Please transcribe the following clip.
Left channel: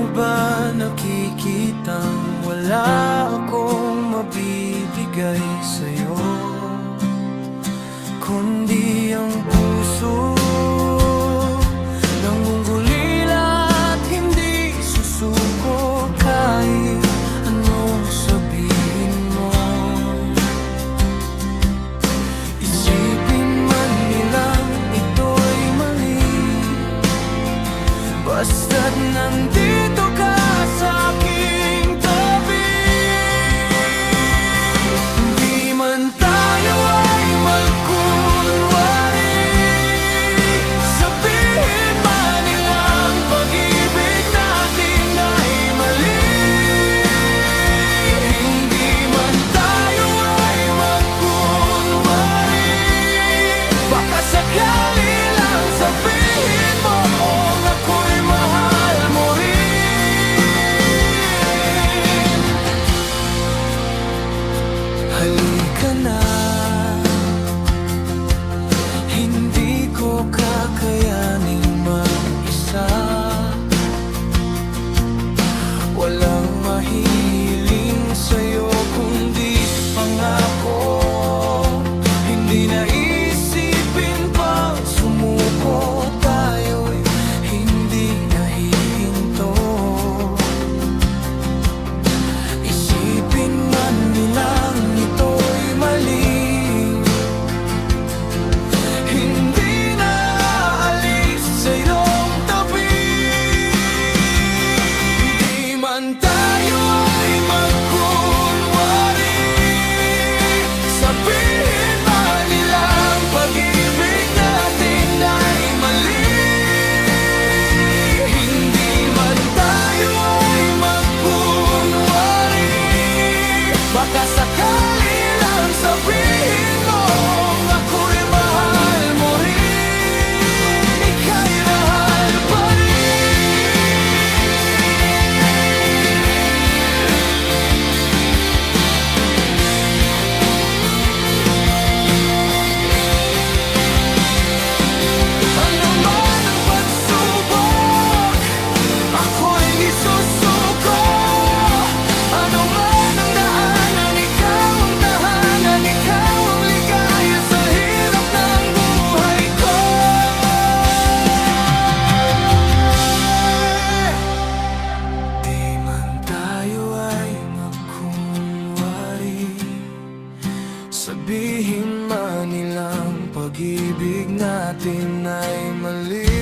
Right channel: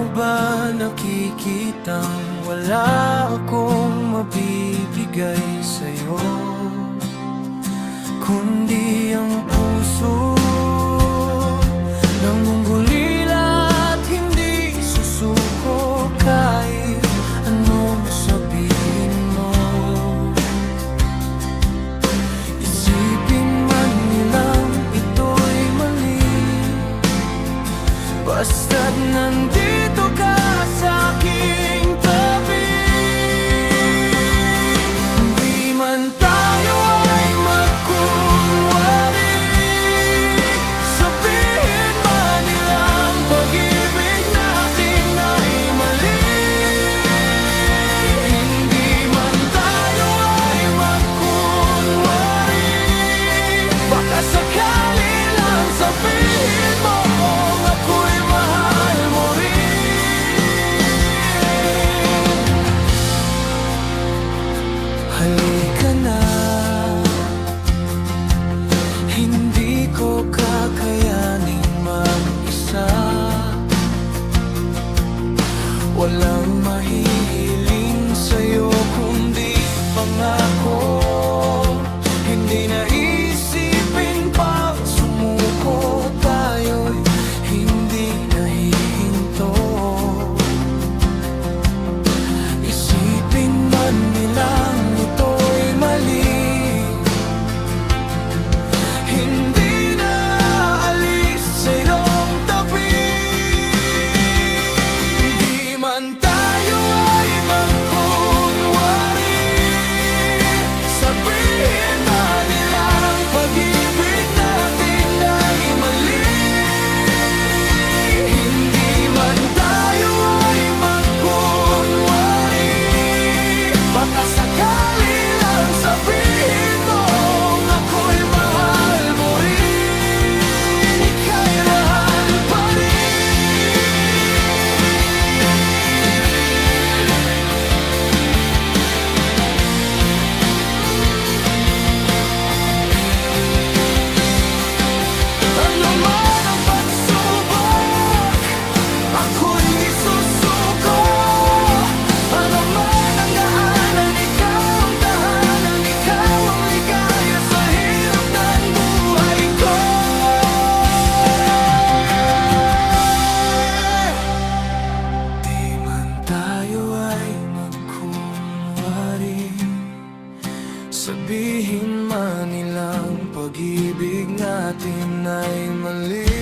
mo ba nakikitang wala akong mabibigay sa'yo, kundi ang puso nangungulila at hindi susuko kahit anong sabihin mo. Isipin man nilang ito'y mali, basta't nandito ka sa aking tabi. Hindi man tayo ay magkunwari, sabihin man nilang pag-ibig natin ay mali. Hindi man tayo ay magkunwari, baka sakali lang sabihin mo ako'y mahal mo rin. Halika na, hindi ko kakayaning mag-isa. Walang mahihiling sa'yo kundi pangako. Hindi na isipin pang sumuko, tayo'y hindi nahihinto. Isipin man nilang ito'y mali, hindi na aalis sa iyong tabi. Hindi man tayo ay magkunwari, sabihin man nilang pag-ibig natin ay mali. Hindi man tayo ay magkunwari, baka sakali lang sabihin mo ako'y mahal mo rin. Ika'y mahal pa rin. Ano man ang pagsubok, ako'y di susuko. Ano man ang daanan, ikaw ang tahanan, ikaw ang ligaya sa hirap ng buhay ko. Di man tayo ay magkunwari, sabihin man nilang pag-ibig natin ay mali.